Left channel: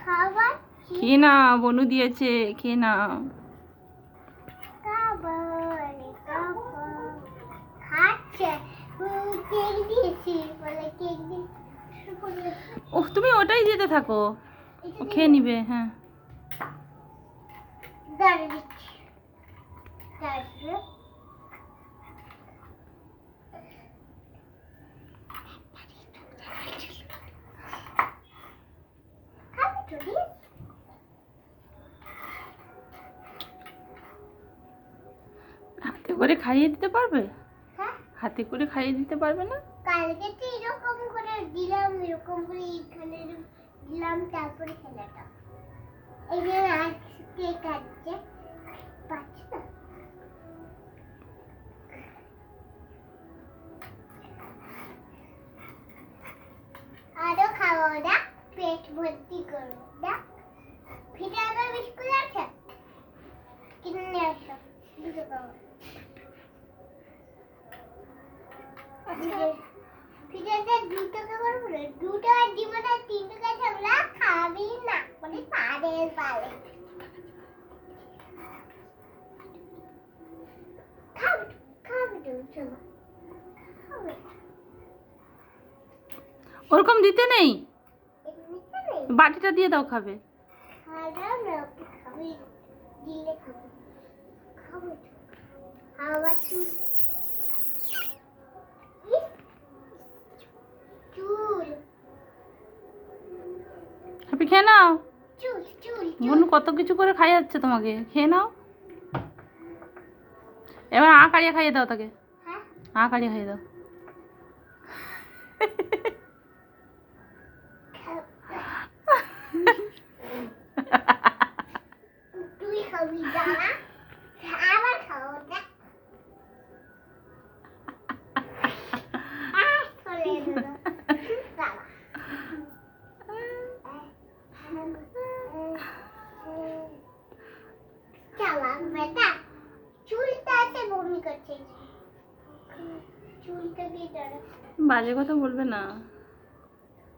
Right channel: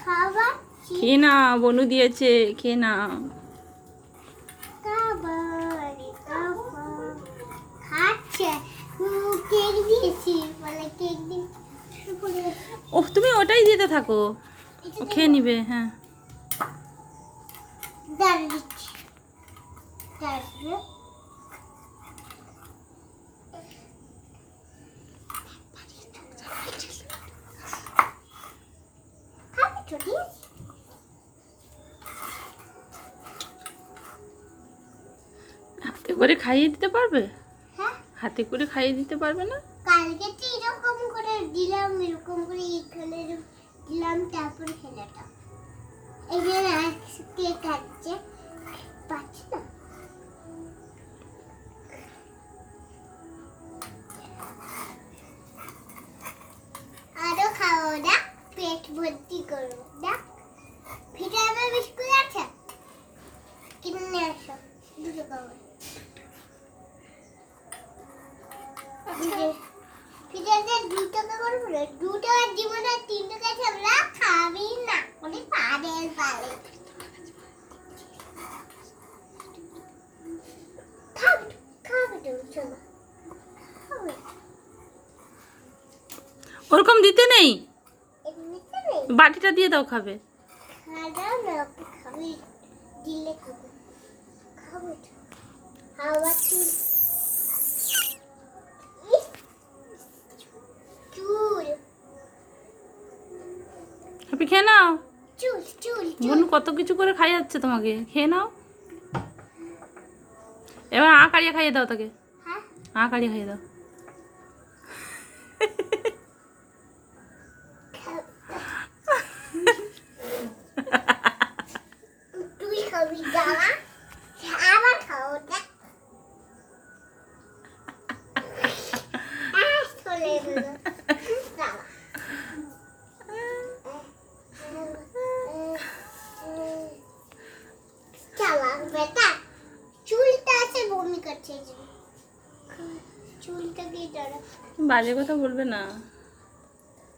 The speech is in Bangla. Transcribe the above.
খাবার খেয়ে না, বনু দিয়েছে, খেয়ে না। খাচ্ছে কেক দিয়েছি বলে কেক দিন। ওহ, তুমি ওটাই দিতে থাকো, ও খেয়ে নিবে। হ্যাঁ, দাঁড়িয়ে দিচ্ছি তারপরে খাবি তো ঠিক আছে? হাতে করে খাইয়ে দিতে পারবে? হ্যাঁ, হাতে করে খাইয়ে দিতে পারবে না? কালকে তো এরকম করে দিলাম, এরকম করে এইখানে দিলাম, তারপরে খেলাটা এই যে আজকে খাচ্ছে পাচ্ছি না। আরো খাওয়া না, পেট ভর্তি করো না। ভিটামিন বিস্কুট আছে কিনে আসো, দুটো খাবো। ফিরে 2 টাকা করে বলে 2 টাকা দিব না, 3 টাকা ছাড়া খাবি না বলে পারেল পালে খাবি খাবি তো চলো খাবে ওরকম দিতে নেই, এমনিতে নেই বাটিটা দিয়ে দাও, খাবে। খাওয়া না খাবি দিলে খাবো খাবো তো হাওয়া চুল চুল আপনি খেয়ে নাও। চুল চুল বনু কত কিছু করে খাই যাচ্ছে তোমাকে, খেয়ে নাও। এবার কাড়িয়ে খাইয়ে দাও তাকে, হ্যাঁ কাড়িয়ে খাইয়ে দাও। তুই খাবি দাঁড়া আবার খাও না চলে এলো দাঁড়া চালা বেটা চুলটা আছে বমি করছে চুলটা দিয়ে দাঁড়া বাজে কথা বলবে না।